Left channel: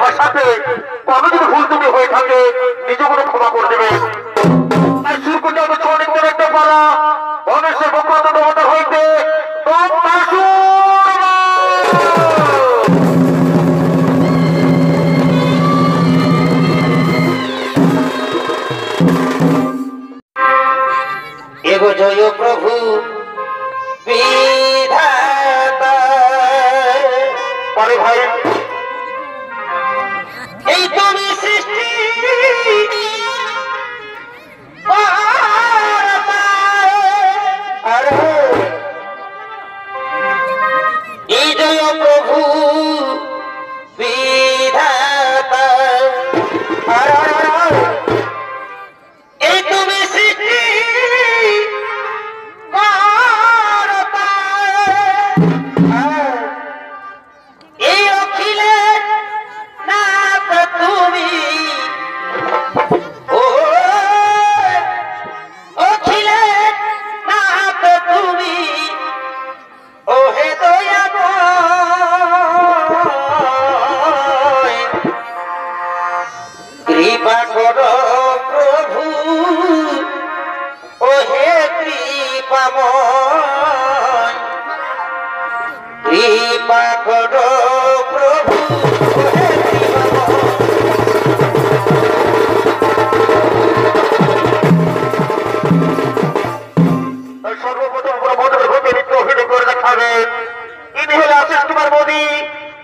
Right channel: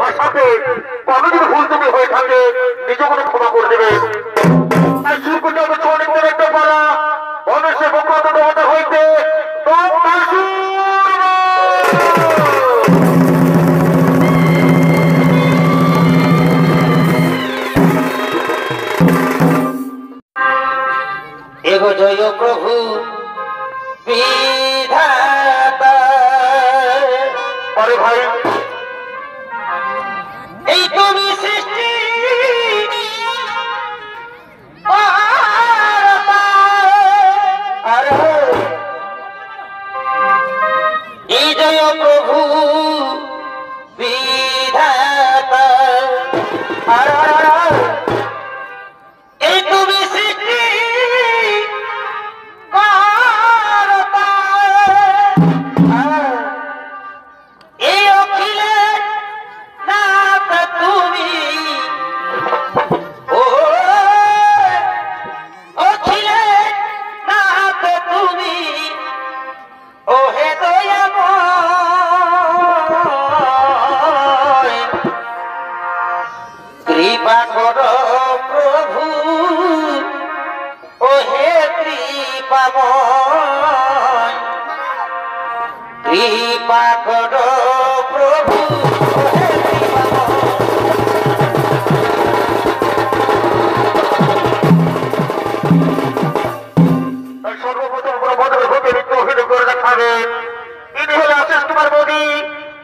ভাষাতে কোনো যদি ভুল ত্রুটি হয়ে থাকে নিজেগুলো ক্ষমা করে দেবে। আর শুরু করতে হবে অনেক বড় একটা পালা গণেশের বক্রত দেবতা হইতে এগো জয় প্রভু বিধাতা। পরে ভাই এই তুমি সৃষ্টি আর এই জয় প্রভু বিধাতা। আর এই তুমি সৃষ্টি এই অখিলে না তো তুমি ও অখিলে না তো তুমি ও হে দয়াময় কৃপা করো প্রভু ও হে কৃপাময় কৃপা করো প্রভু ও হে সর্বপ্রথম কোনো মন্ত্রের ভূমিকা অভিনয় করে দেখাবে। ইনি হলে আশিস কুমার মোদী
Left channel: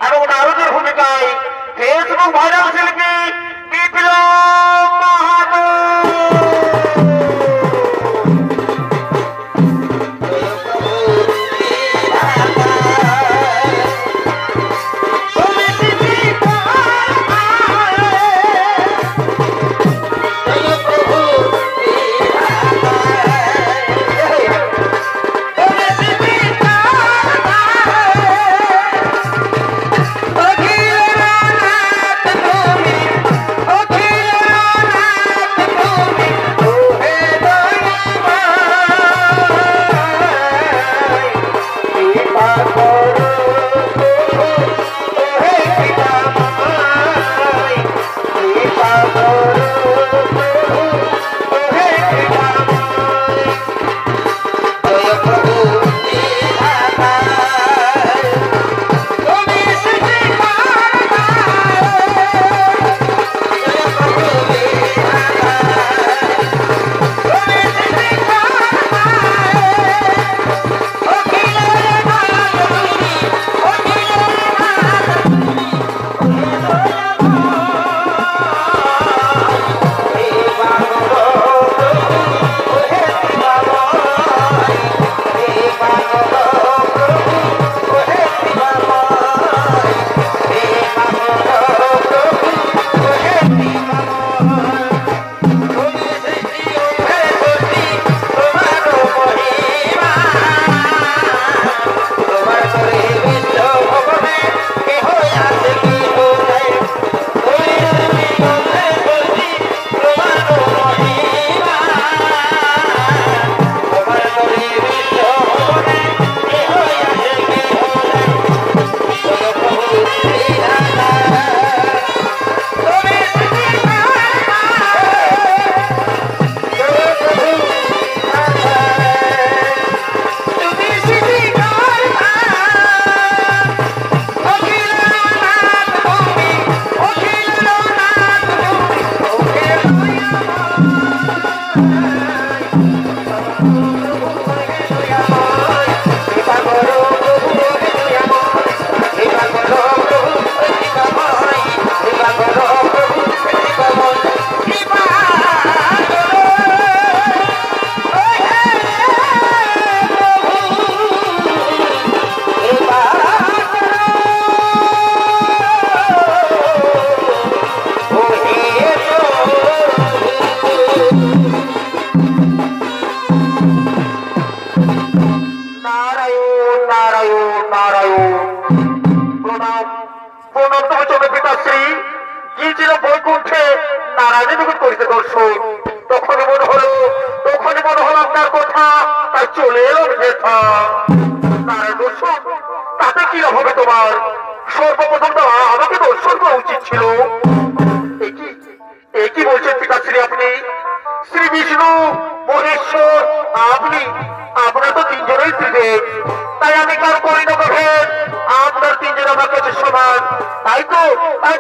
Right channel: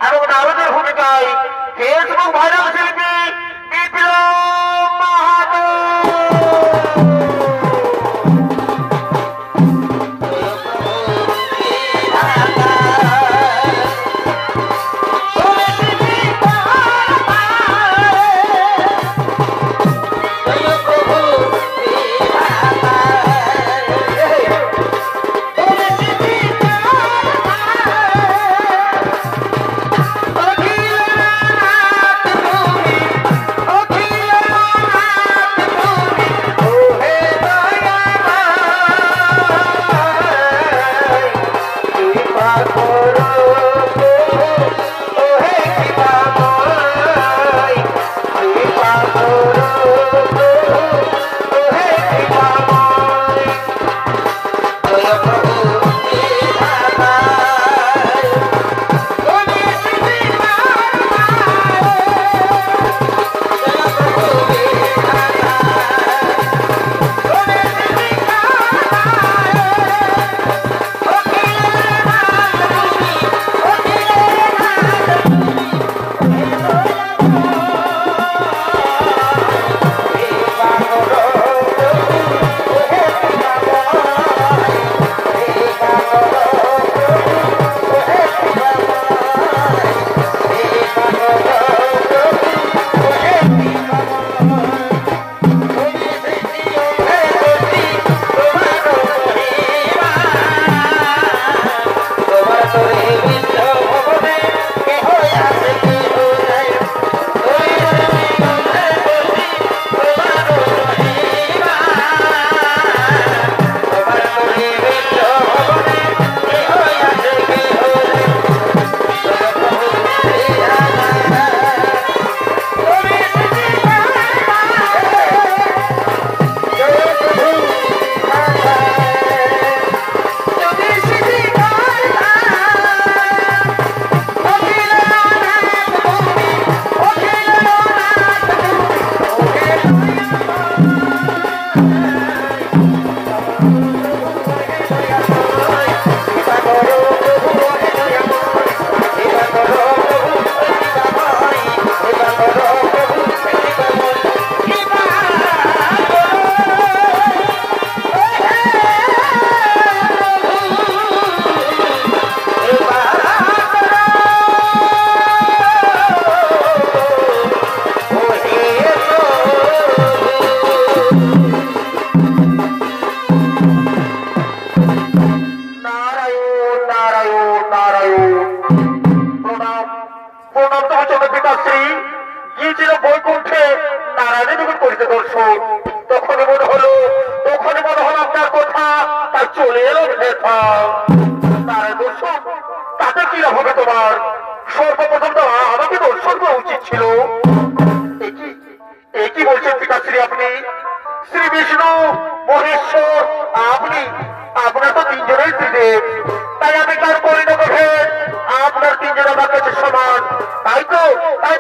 এবং নারদের ভূমিকায় ফেসবুক ভাইরাল শিল্পী বিপ্লব মাহাতো। চলে এলো ব্যথা তার দর্শন তাতে কি হবে তোমার? সর্বপ্রথম তো আমাকে দর্শন গ্রহণ করা উচিত ছিল। একই বলছেন পিতাশ্রী আপনি? শ্রী বিষ্ণু, মহেশ্বর, আপনি, আপনার তো তিনজনেই ত্রিদেব, তাই আমি কার করি না ভেদ, আপনার তিনজন আমার কাছে সমান, তাই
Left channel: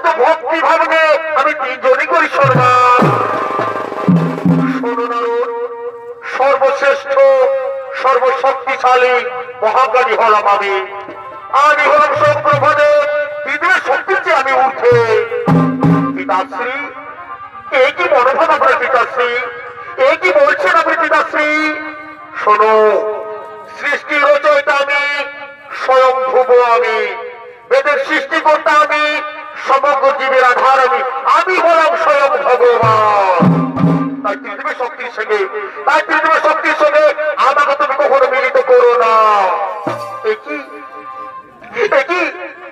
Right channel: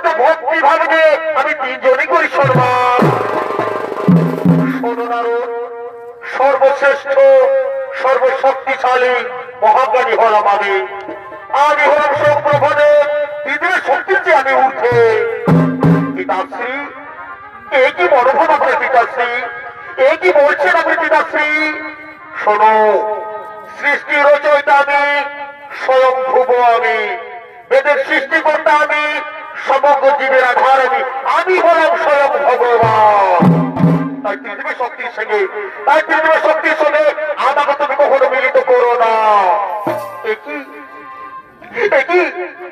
তো ভক্তি ভাবনে আমি তিনজনই করি সম্মান। শোনো নারদ, সর্বশ্রেষ্ঠ সর্বশক্তিশালী মহাজ্ঞানী হলাম আমি হলাম সৌপ্রভদেব, পৃথিবীর শক্তির চেয়ে আমি উঠে। পিতাশ্রী, একই মনোভাব আপনার পিতাশ্রী, একই বলছেন আপনি পিতাশ্রী? শোনো, সৃষ্টি রচয়িতা আমি, স্বয়ং ভুব আমি, বেদের সৃষ্টিকর্তা আমি, সমগ্র জীবের আধার আমি হলাম স্বয়ং ভগবান। তাই পৃথিবীর শক্তির সঙ্গে আমাকে তুমি কখনো মিলিত করো না। একই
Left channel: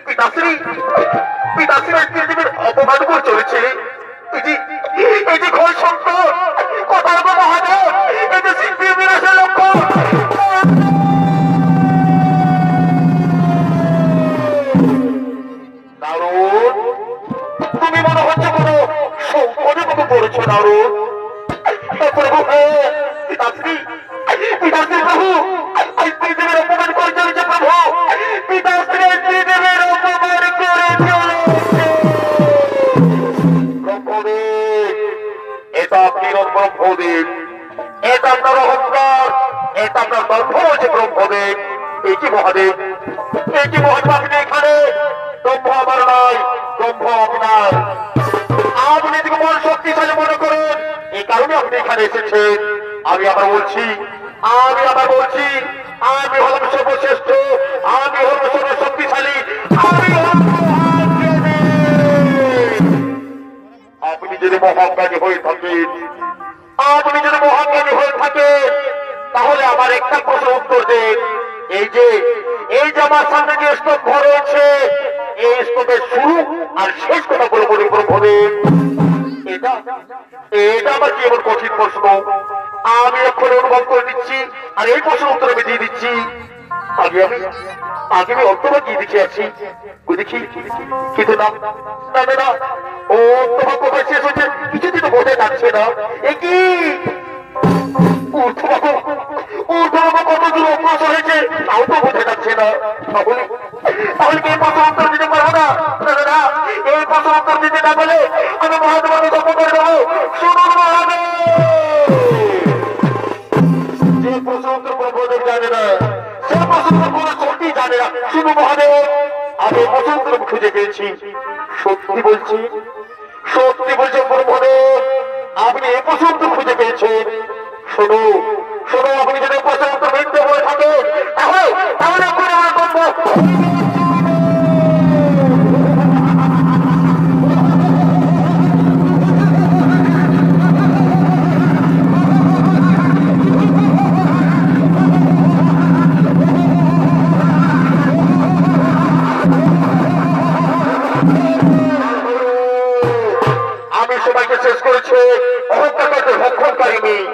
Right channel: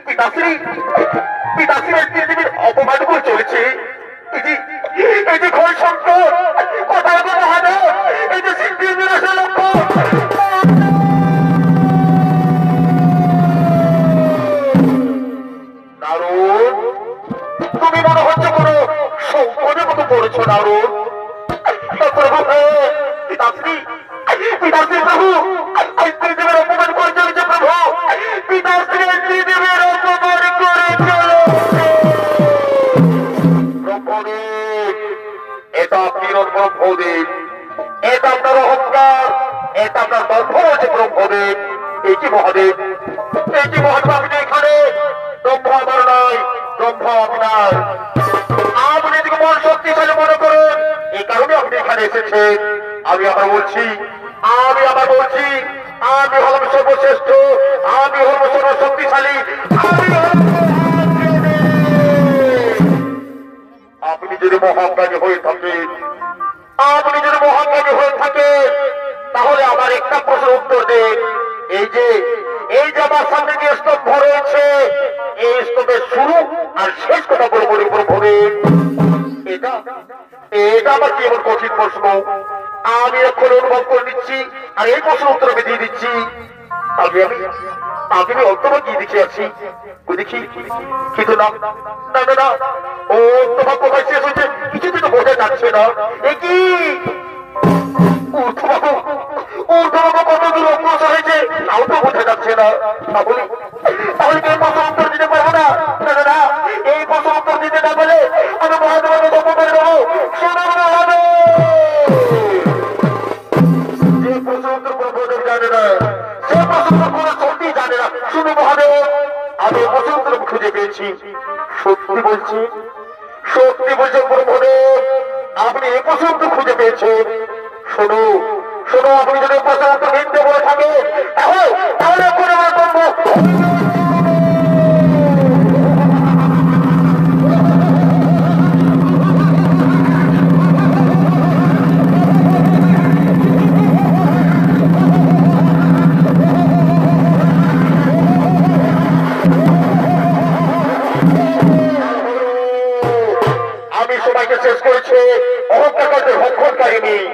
পিতাশ্রী পৃথিবীর অপমান করে চলেছে। এই যে ঘর সংকট, কোথায় গো মহাদেব, এই যে সৃষ্টি বিনাশের লক্ষ্য। নারদ, তুমি মনে হচ্ছে কোনো সংকটের মতো পড়েছো নারদ। প্রভু, পিতাশ্রী প্রভু, পৃথিবীর অপমান করে চলেছে প্রভু, পিতাশ্রী পৃথিবীর অপমান করে চলেছে। ব্রহ্মদেব, এটা আপনি ব্রহ্মদেব, এটা আপনার অহংকার, এটা আপনার দর্ভ হয়েছে ব্রহ্মদেব। একই মহাদেব, আপনি এখানে, ব্রহ্ম আমার নয়, ব্রহ্ম আপনার। আপনি এদিকে মন শক্তিশালী মনে করেন, এই কারণে আপনি এখানে এসেছেন। আমি আবার বলছি, আমি হলাম সর্বশ্রেষ্ঠ, আমি হলাম সর্বশক্তিশালী, আমি হলাম মহাজ্ঞানী। আপনি যদি মহাজ্ঞানী হয়ে থাকেন, তাহলে আমার একটা প্রশ্ন উত্তর দেন। এই যে আমার সামনে যে স্তম্ভ রয়েছে, এই স্তম্ভের শুরু আর শেষ কথা বলবো ব্রহ্মদেব। এটা আমার কি এমন কঠিন প্রশ্ন? আমি এখন অনুভব করে নিচ্ছি, আর এই প্রশ্নের উত্তর আমি দিয়ে দিচ্ছি। আগে আমি অন্তভা কি দিচ্ছি আছি দেখি, কিন্তু না, ও অন্তভা কোথায় শেষ হয়েছে কিছুদিন তো বোঝা যাচ্ছে না। একই কতদূর অগ্রসর হয়েছে তাও তো বোঝা যাচ্ছে না। তাহলে এই প্রশ্ন উত্তর দিতে পারবো না। এই প্রশ্ন উত্তর দিতে না বলে আমি মহাদেবকে গল্প করে দেবো। শোনার মহাদেব, যে প্রশ্ন উত্তর ব্রহ্মদেব জানে না, সে প্রশ্ন উত্তর কোনো সত্যি জানে না। শুনো মহাদেব, আমি প্রশ্ন উত্তর খুঁজে পেয়েছি। সত্যি বলছি ব্রহ্মদেব, আপনি এই প্রশ্ন উত্তর খুঁজে পেয়েছেন। শোনো, আপনি যদি প্রশ্ন উত্তর মিথ্যে বলে থাকেন, তাহলে করে আমার গল্প। আমি সবাইকে শেষ করেছি, অহংকারকে ভক্ষণকারী নেই,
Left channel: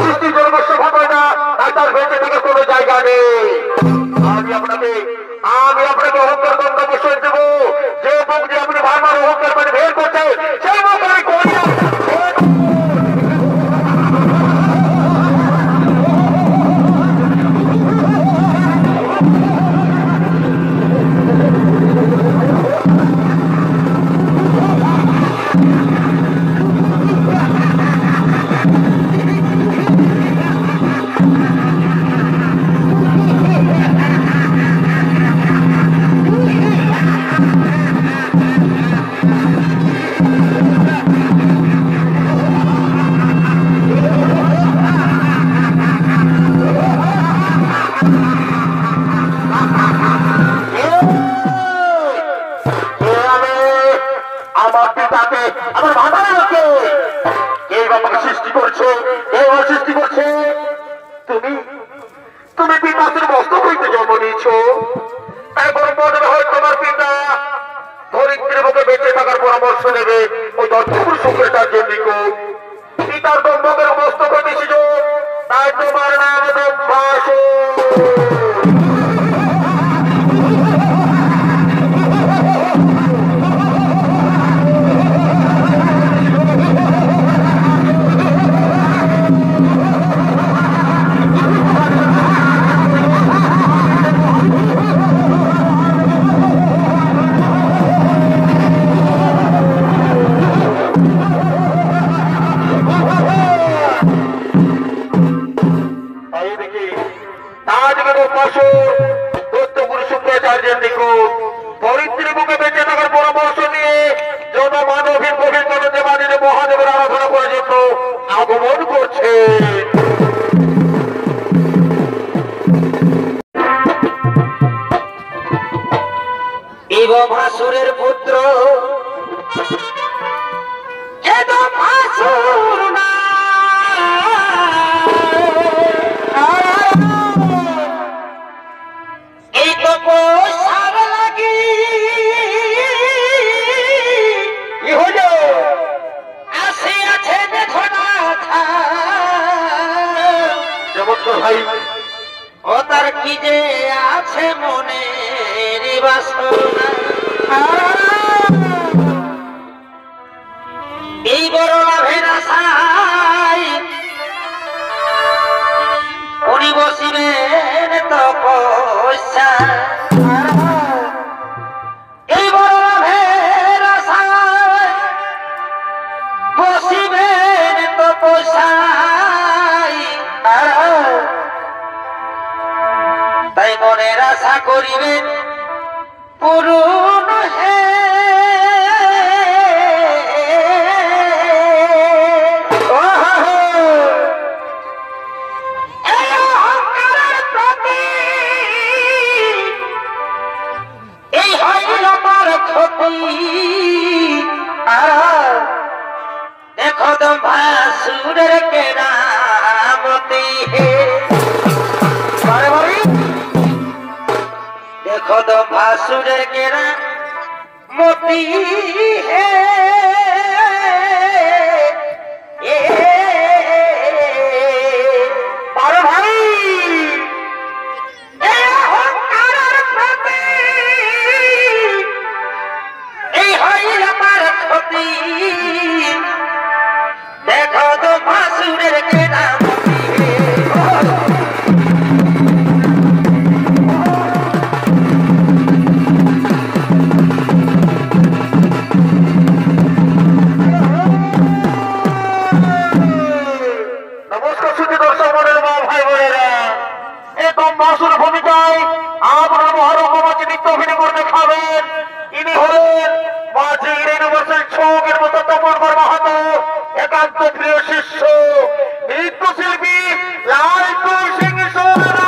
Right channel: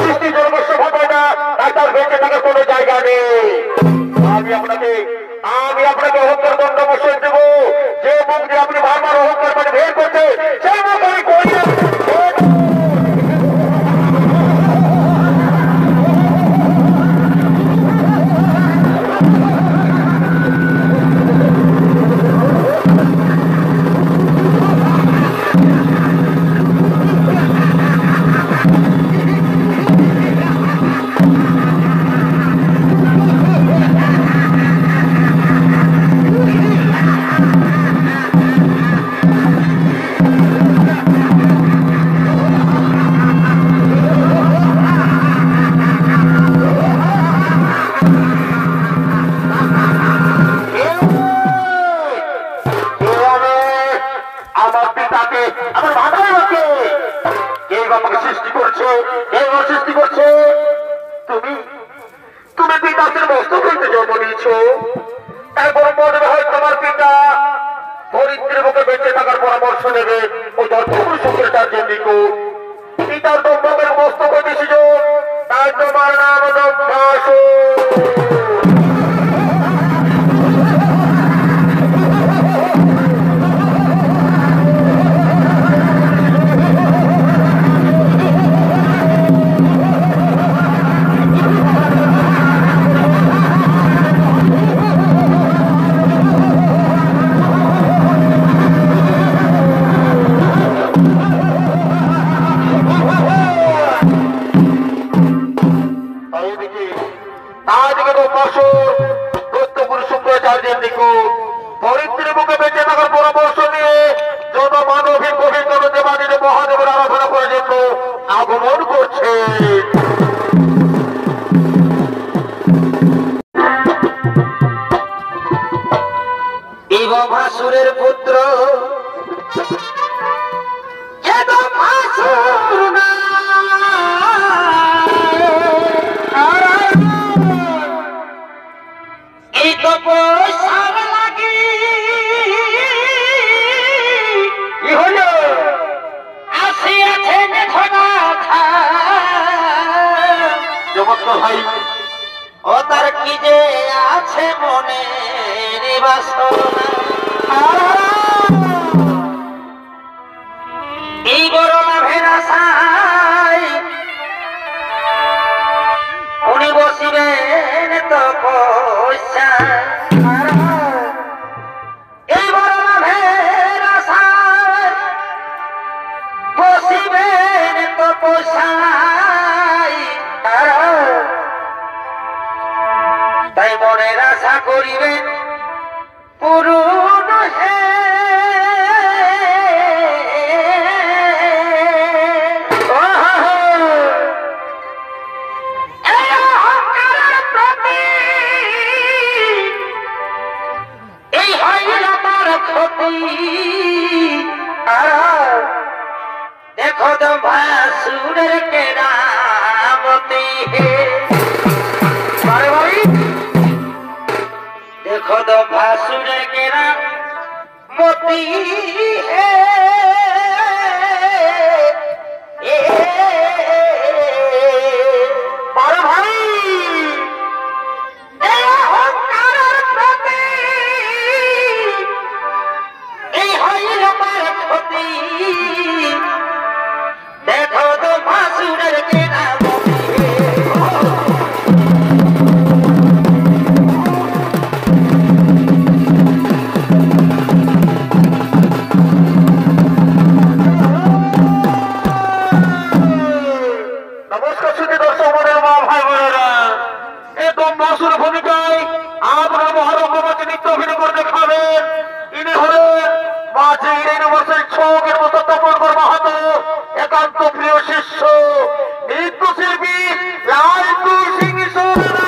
সৃষ্টি জনগোষ্ঠ ভাবে না, তাই তার বেঁচে থাকার কোনো জায়গা নেই। আমি আপনাকে অহংকার দণ্ড বসিয়ে দেব। যে মুখ দিয়ে আপনি বারবার অহংকার করে বের করতে, সেই মুখ আমি করি না। আমার মাথার লোকে এই বাবাকে সৃষ্টি করছে। তুমি পিতাশ্রীর মস্তক হইতে জন্ম নিয়েছ, তারপর মনে হয় তোমার পিতা ধরিত্রীর মুখে বেঁচে থাকার পরামর্শ নেবে ওই দর্শকুর শুক্রাচার্যের নিকট। পিতার দম্ভকের মস্তক হইতেছিল, তাই তোমার নাম দম্ভাসুর। ও তার কি যে আছে মনে এই বড় লাভের আশায় উনি বসিবেন তো পয়সা এই বড় লাভের আশায় বসিবেন তো পয়সা তাই মনের আশা করিবেন পূরণ হে এই হয় আমার ক্ষতি দেখো তো ভাসুরের কেরামতি হে देखो तो भासुर केरा मोती है और भाई देखो तो भासुर केरा ভূমিকায় আপনার মহারকমাকে নৃত্য অভিনয় করে দেখাবেন। ইনি হলেন মাঝে ইউনিভার্সাল ছকের মতো তপনকর মাহাতো একান্ত প্রিয় শিষ্য নৃত্যশিল্পী লালটু সিং সোনা।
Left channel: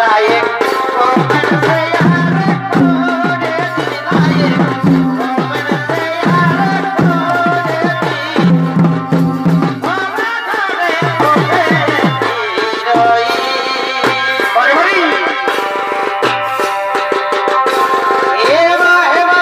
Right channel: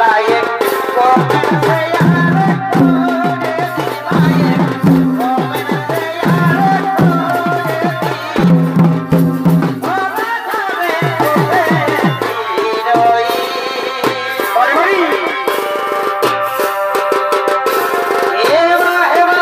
लायक कौन से यार खोने दी लायक कौन से यार खोने दी भला खावे खोने दी रोई बड़ी बड़ी हेवा हेवा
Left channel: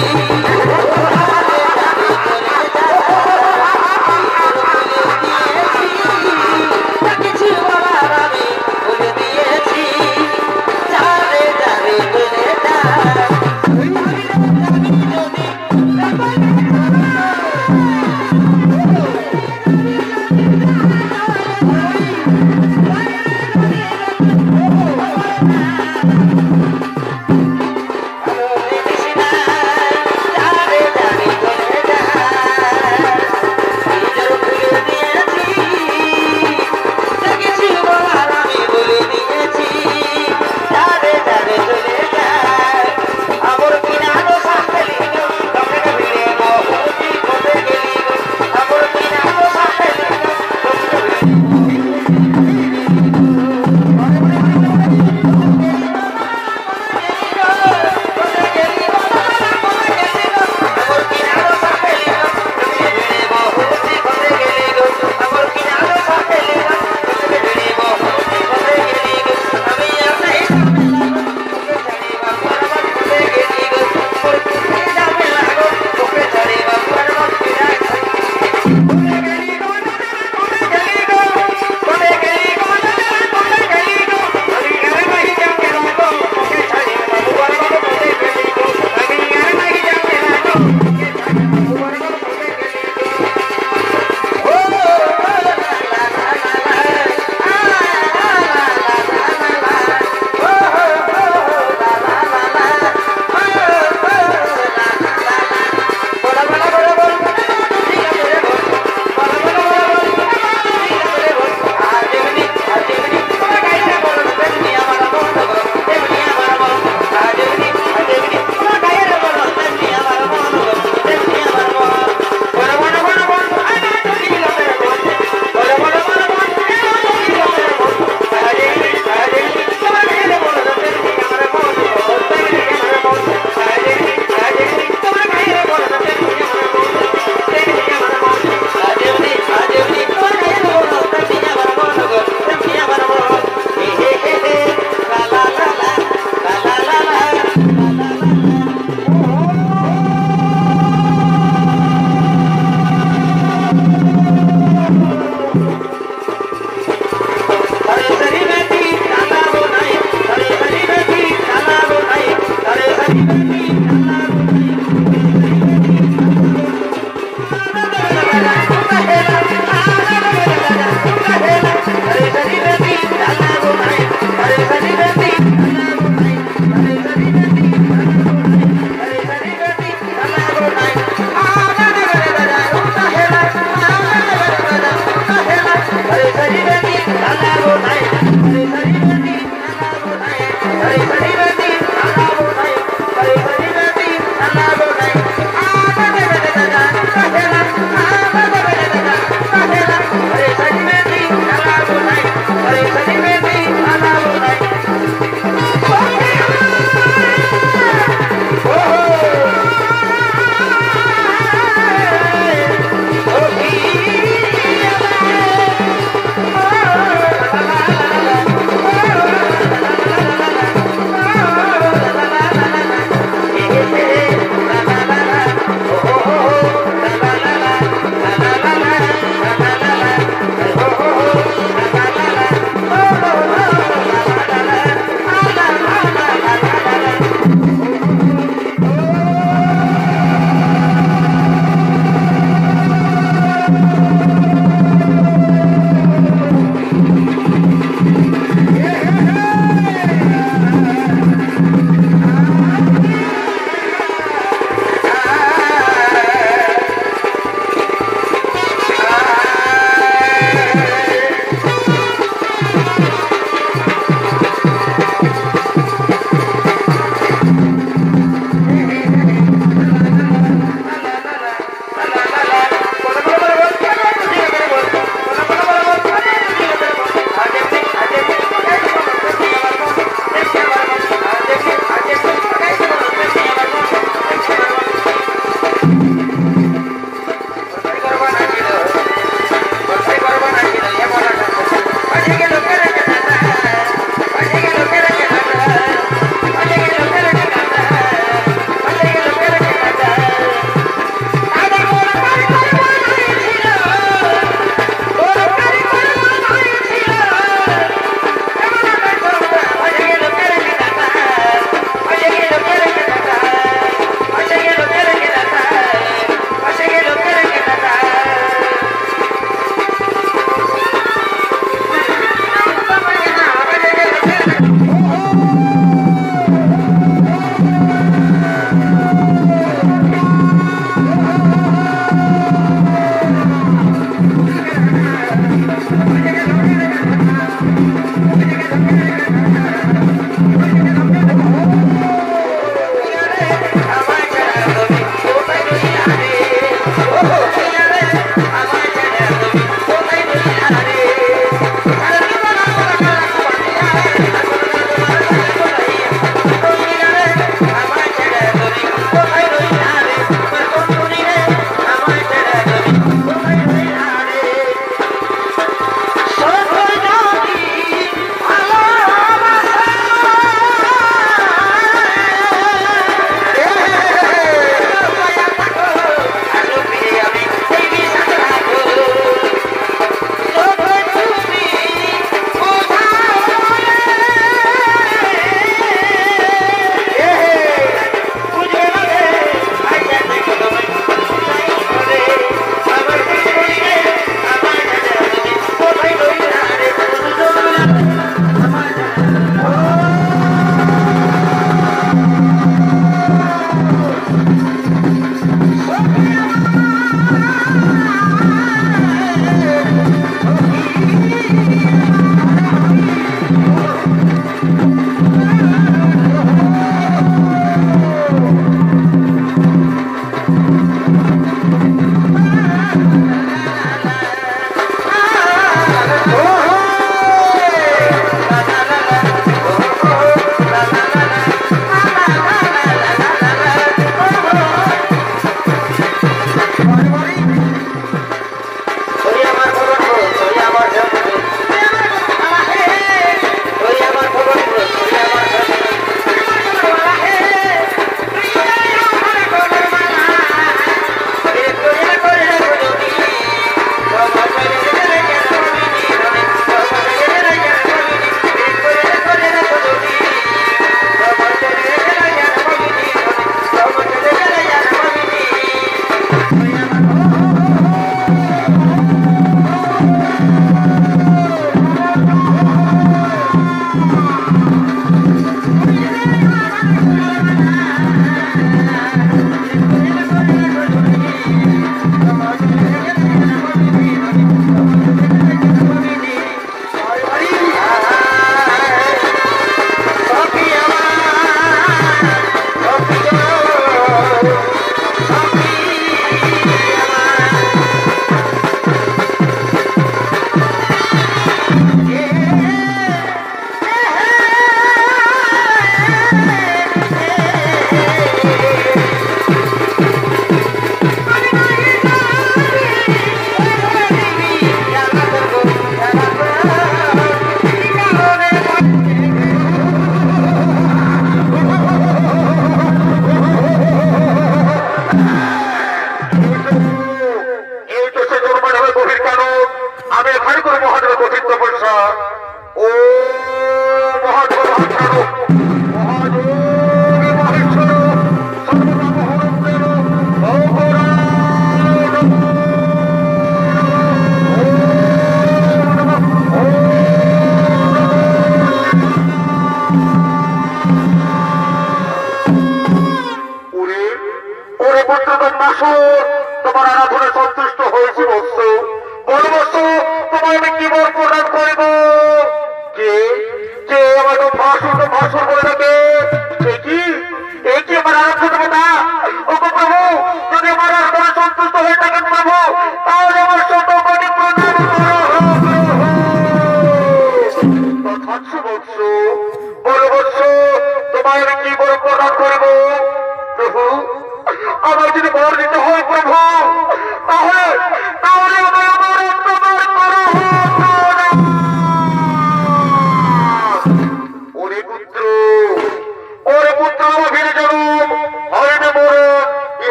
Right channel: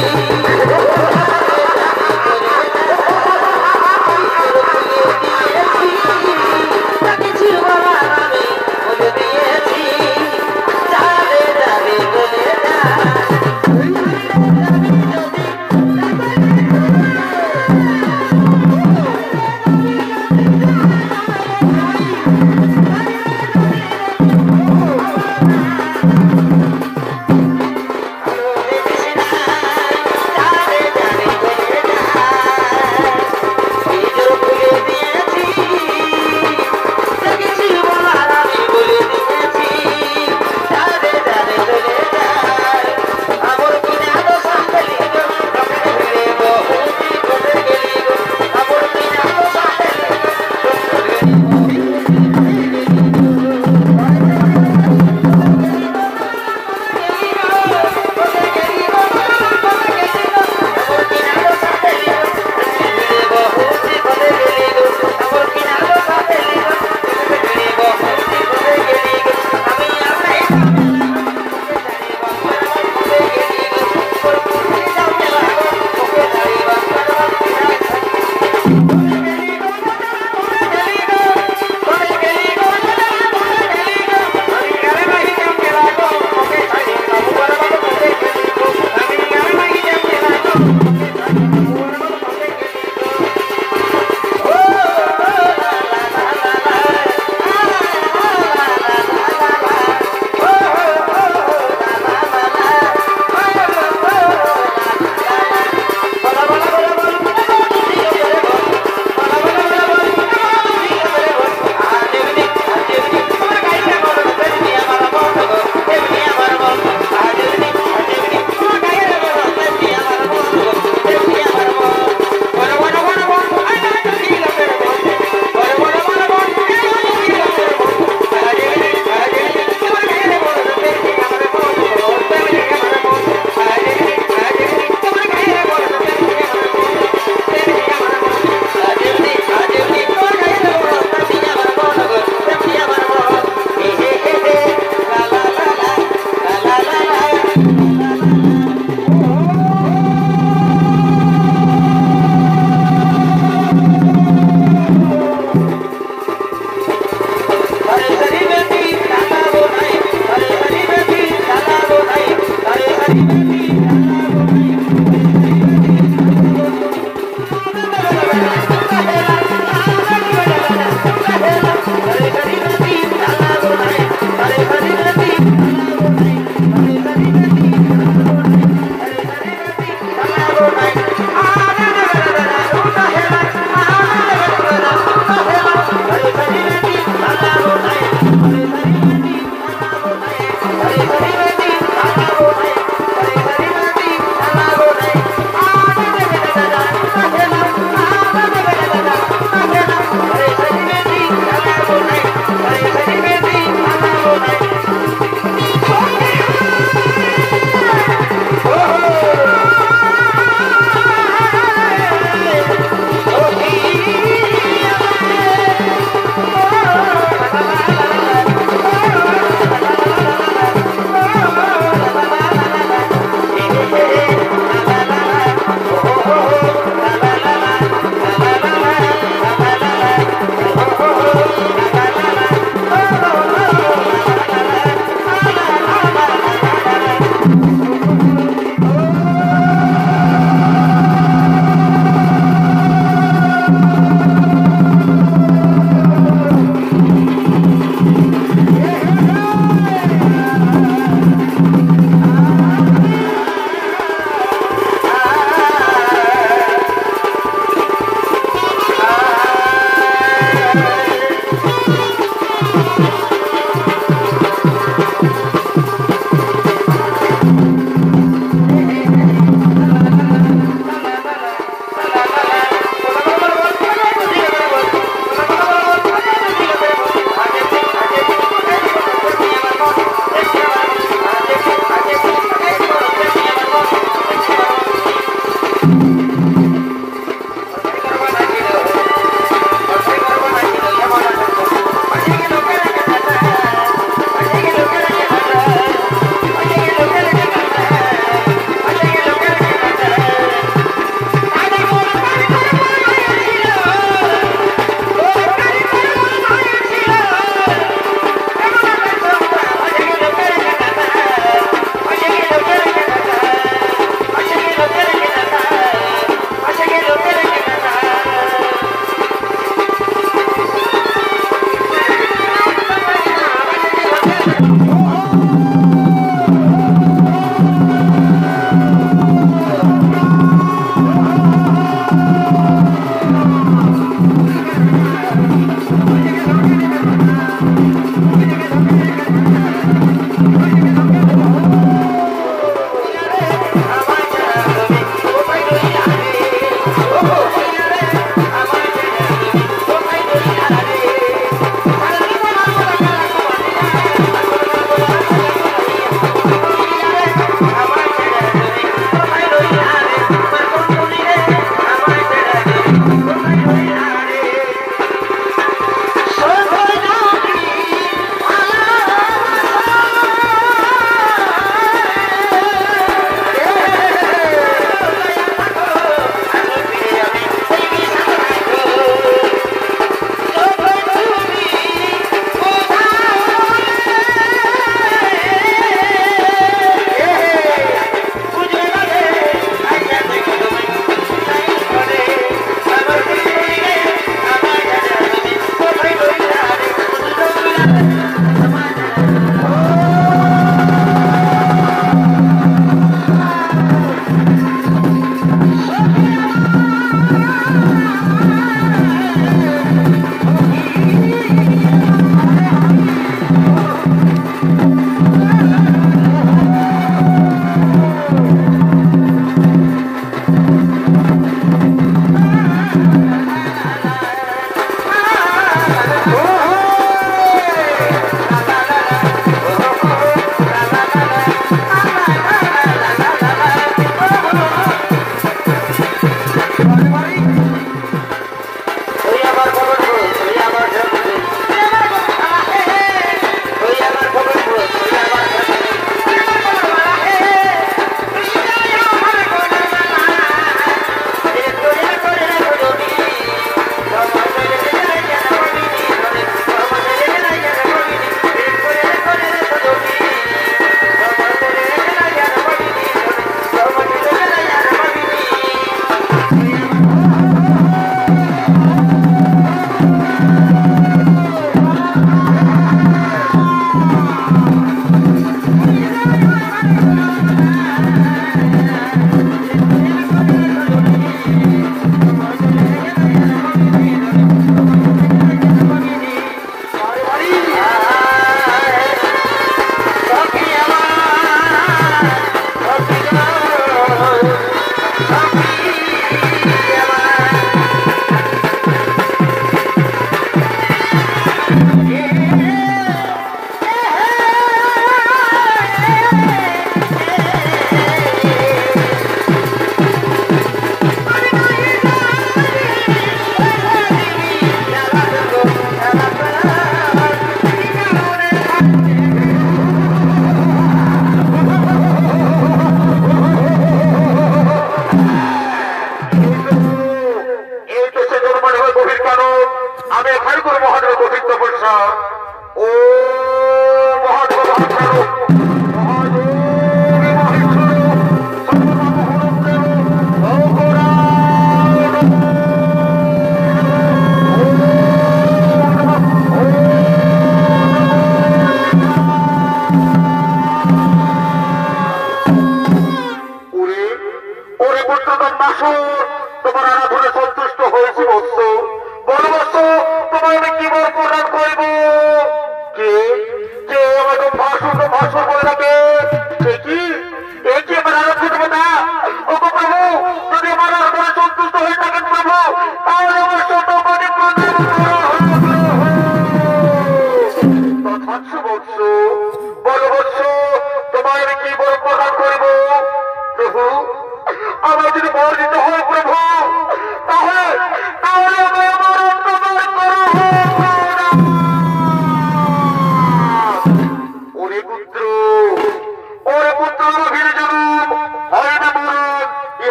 Bye.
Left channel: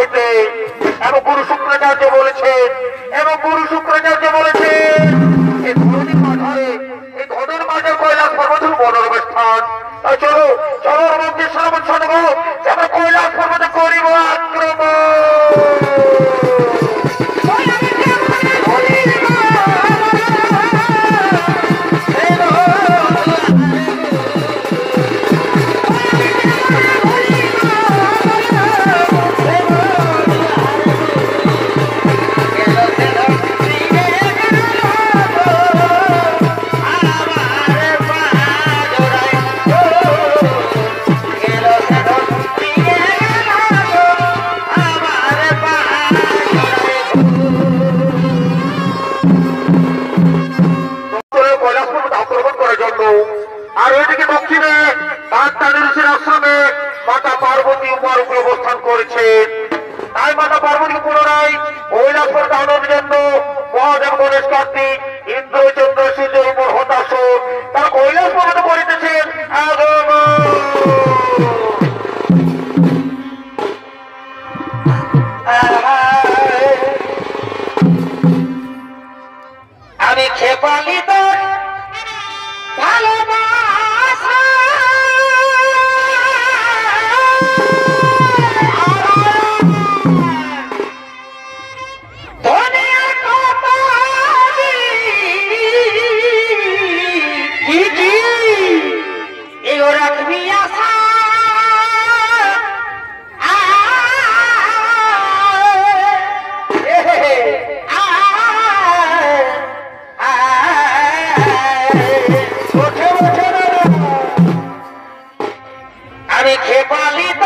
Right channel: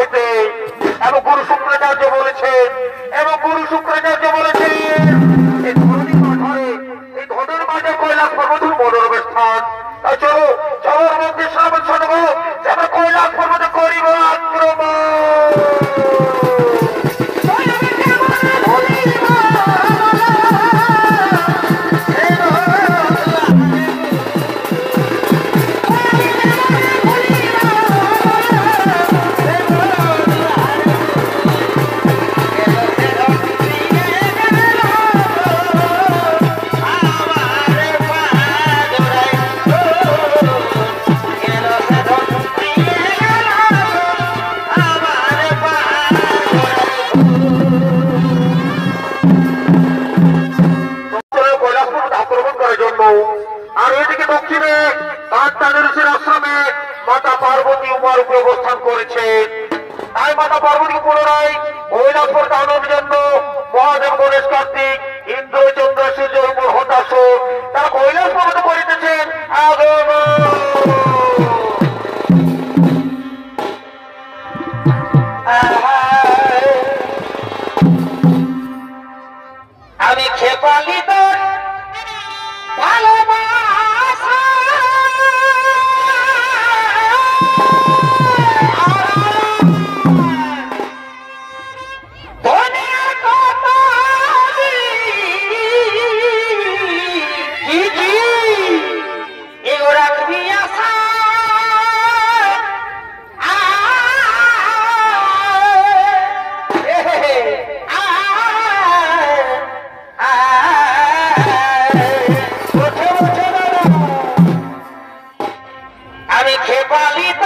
হইতে এবং গুরু শুক্রাচার্য বলেছেন এই ধরনের মাঝারে এই ঘটনার মাঝে কৈলাস পর্বতের মনোরম স্থান। তাই চলো মধ্যে শ্রাবণ শোনব যেন কৈলাস পর্বতে করিব আক্রমণ। আর ওইদিকে দক্ষিণে বাগদানুরুষের আশ্রমে মাতা পার্বতী উমার উপর অবস্থান করেছে। তাই মাতা পার্বতীকে পুনরায় কৈলাস পর্বতে আনার জন্য মহাদেব গণেশ কার্তিক ইন্দ্র চন্দ্র সূর্যের উপর হতাশ তারা কৈলাস পর্বতে করিতেছেন আগমন। আমি খেপালিত ভালোবাসা ধনের কথা এগো রাখবি আশা আমি খেপালিত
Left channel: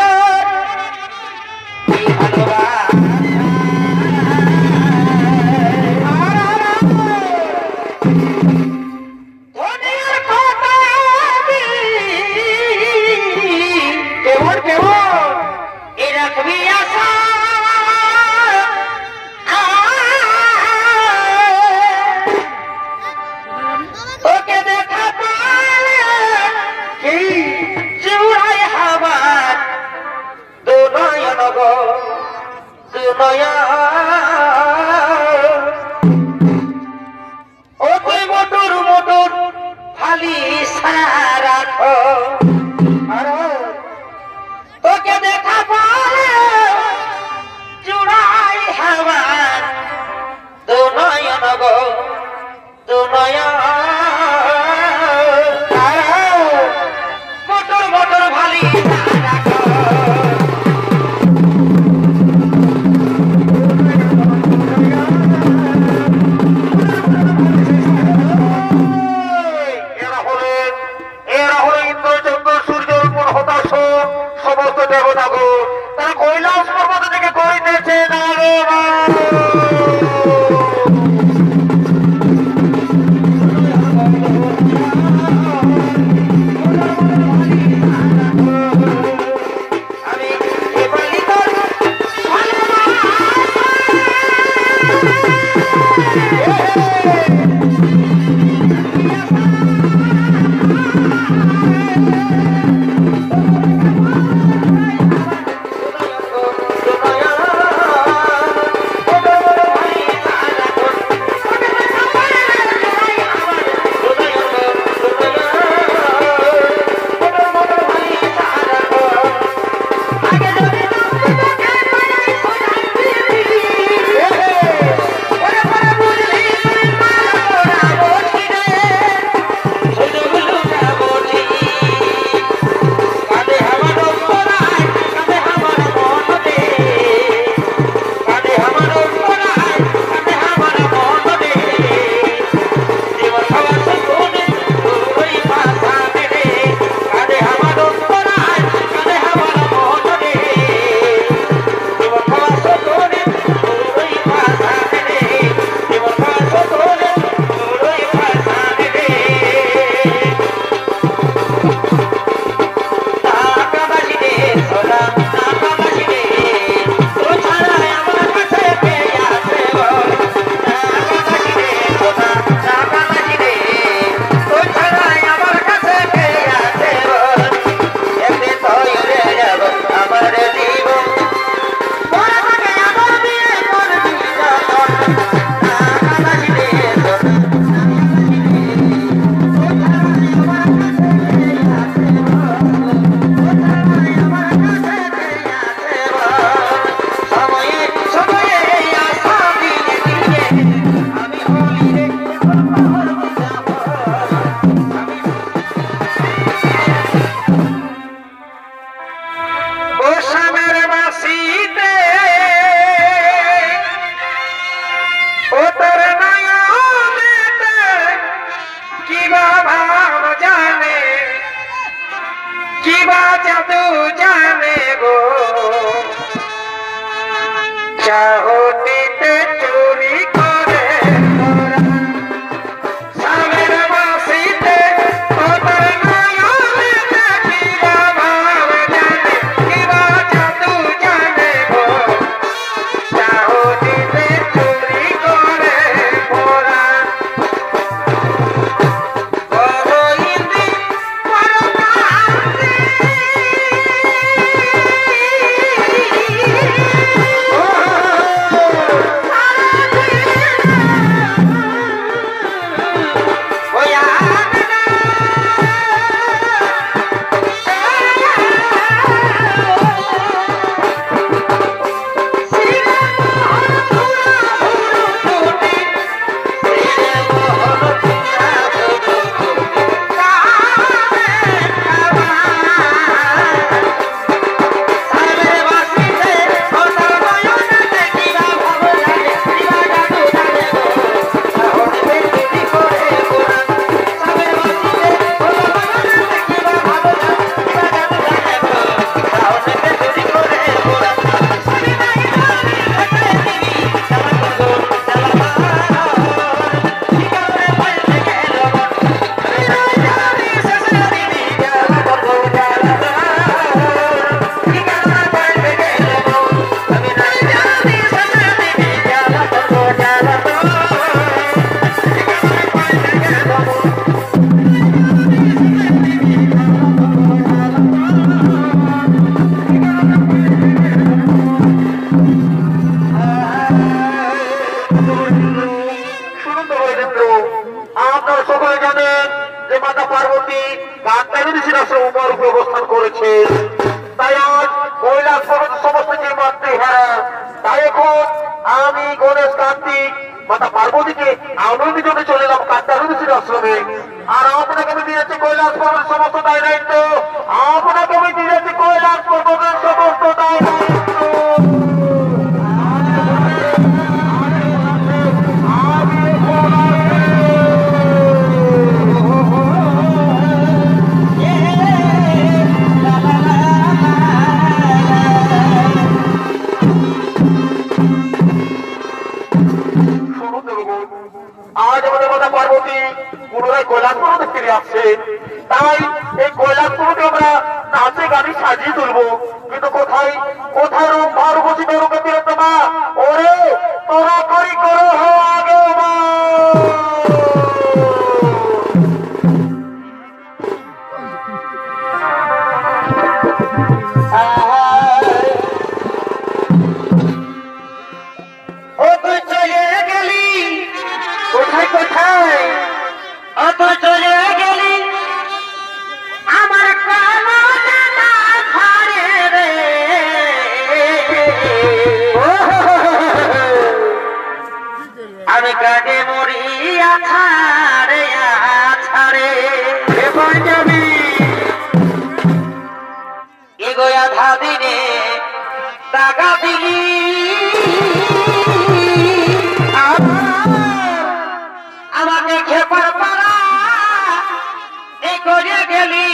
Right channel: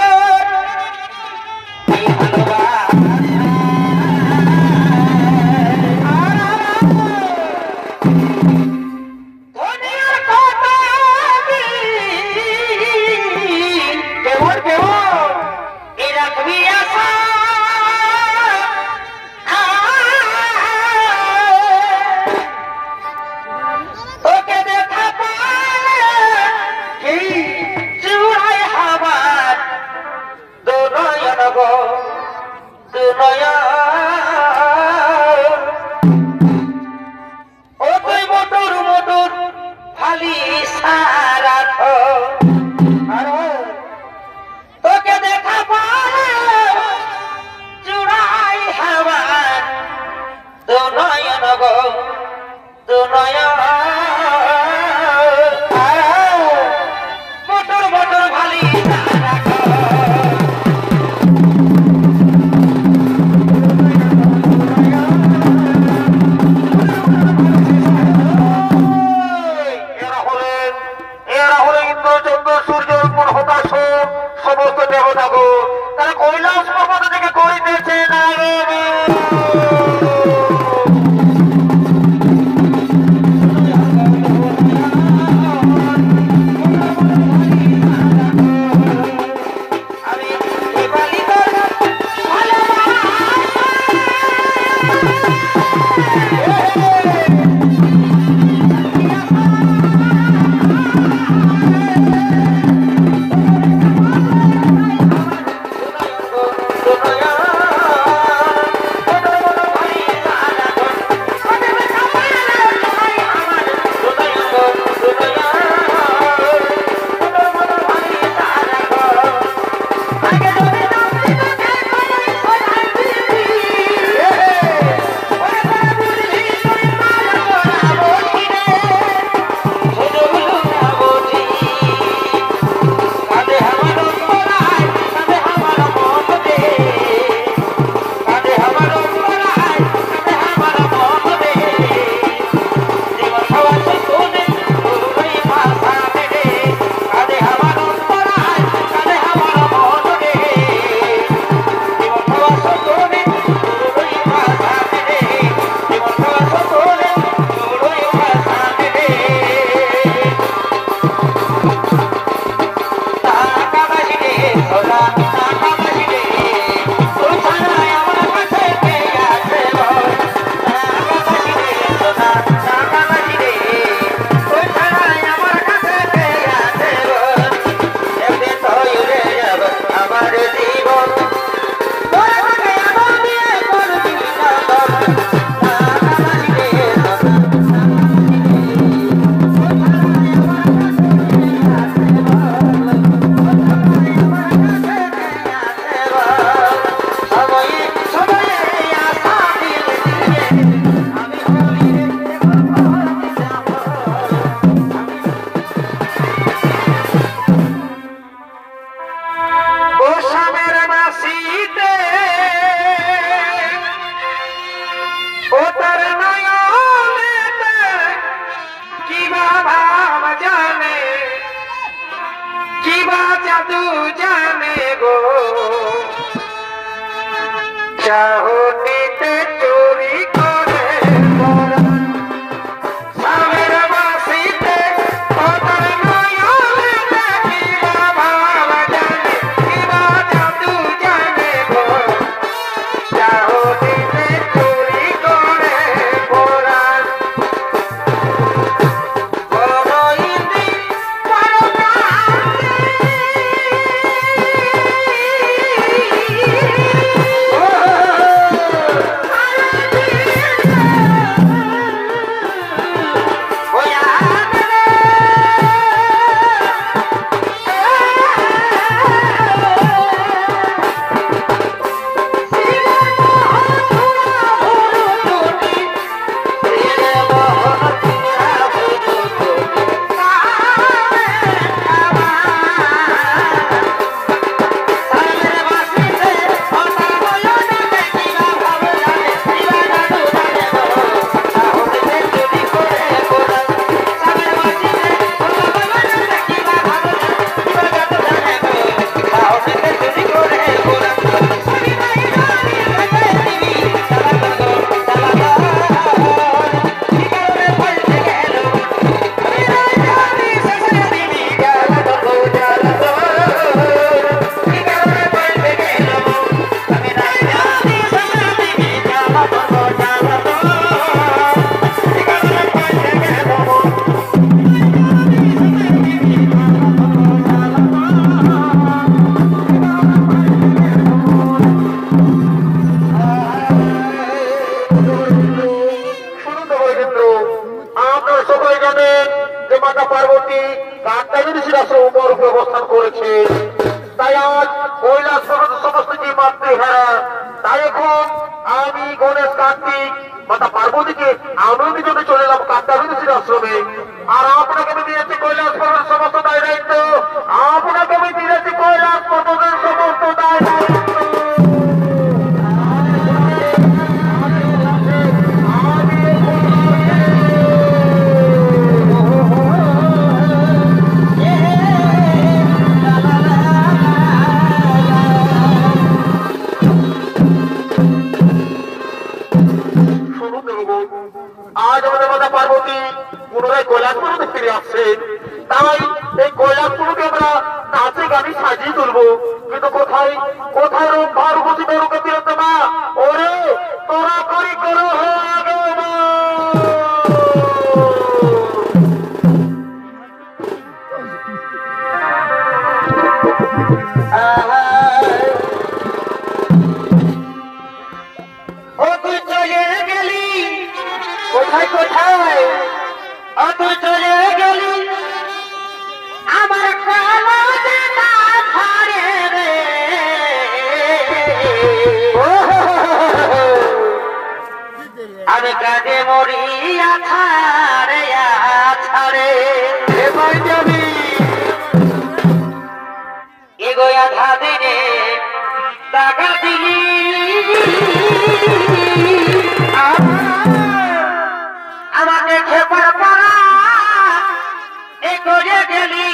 তোকে দেখা পালে চূড়াই হাওয়ার দুনয়ন গো দুনয়ন বটর বটর ভালি সমস্ত দেবতাগণ তারা কৈলাস পর্বত থেকে করিতেছেন আমার জীবন কিবা জাদু জানে গো চাহটিতে চুরি করে মরা সামের বাসিতে ওদের নয়নে কিবা ভাব জানে কিবা জাদু জানে গো চাহটিতে চুরি করে মরা माता पार्वती के आनंद जो चले कात्यायनी आश्रमे और आपने दिए कैलाश पर्वत समस्त दाय दायित्व आपने दिए कैलाश पर्वत समस्त दाय दायित्व आज हमारे माता पार्वती पुनः कैलाशपुर फिर आसे कैलाशपुर नाचे गानी सजिए तुलब क्योंकि कोथाय कोथाय रूप भार बसी बेरुके तिरतमा ओरे तोरा करी करो हो आगे काजे मोरिया छारे छारे एगोया धादी ने टाका दिली আমাকে খেপার পারা এ করে গেলি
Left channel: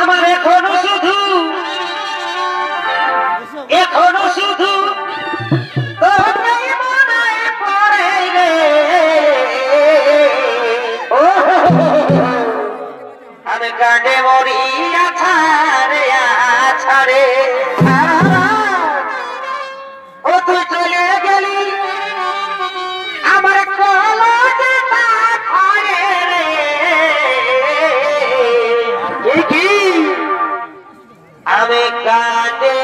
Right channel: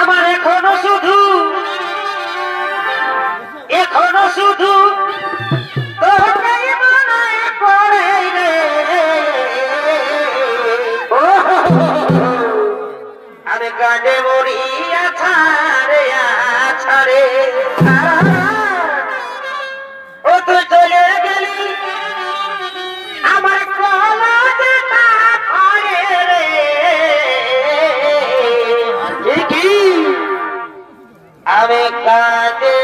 আমার এখনো শুধু তোকে মনে পড়ে রে আমি কাঁদে মরিয়া ছাড়ে ছাড়ে ও তুই চলে গেলি আমার কলজটা ভরে রে দেখি আমি কাঁদে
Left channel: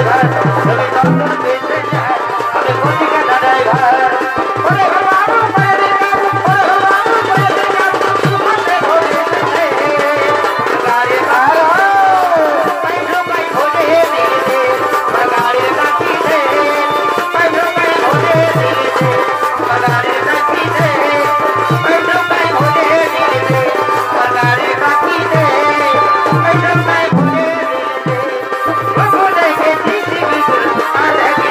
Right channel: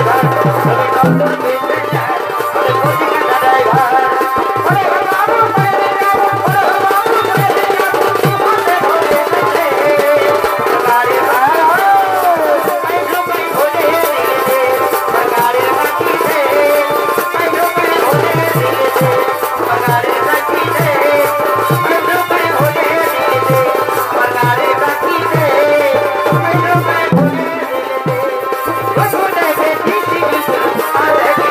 ড্রাইভার তুমি চন্দন পেতে যায় আমি কোটি কাটা ড্রাইভার ওরে বাবু করে দে কাবু ওরে বাবু করে দে কাবু হাতে ধরে দে গাড়ি ভাড়া पैसो कई भोले दिल दे बगाड़ी काटी दे पैसो कई भोले दिल दे बगाड़ी काटी दे पैसो कई भोले दिल दे बगाड़ी काटी दे पैसो कई भोले दिल दे वो भोले के जीती बिल्कुल आधे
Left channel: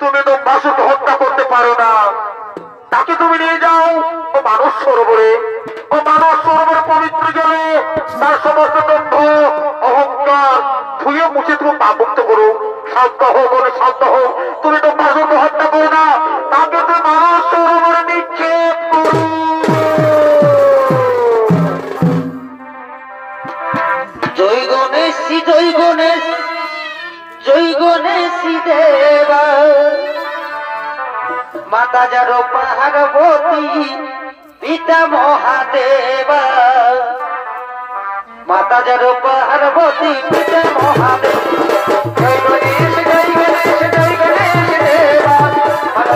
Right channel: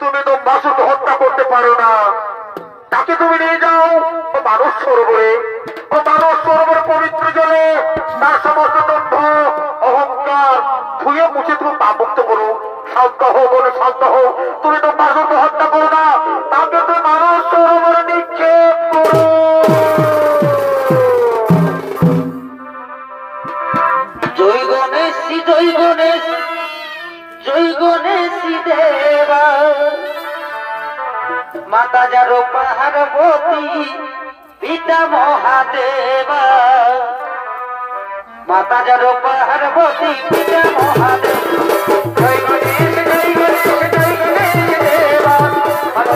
कितना তুমি দম্বাসুরকে হত্যা করতে পারো না। তাকে তুমি নিয়ে যাও ও মানস সরোবরে, ও মানস সরোবরে পবিত্র জলে তার সমস্ত দম্ভ অহংকার ধুয়ে মুছে তুমি পাপমুক্ত করো। শান্ত হো বলে শান্ত হো, তুমি দম্বাসুরকে হত্যা করো না, তাকে তুমি মানস সরোবরে নিক্ষেপ করো। জয় গণেশ জয় গণেশ জয় গণেশ দেবা, মাতা যার পার্বতী পিতা মহাদেবা, মাতা যার পার্বতী পিতা মহাদেব। জয় গণেশ জয় গণেশ জয় গণেশ দেবা, মাতা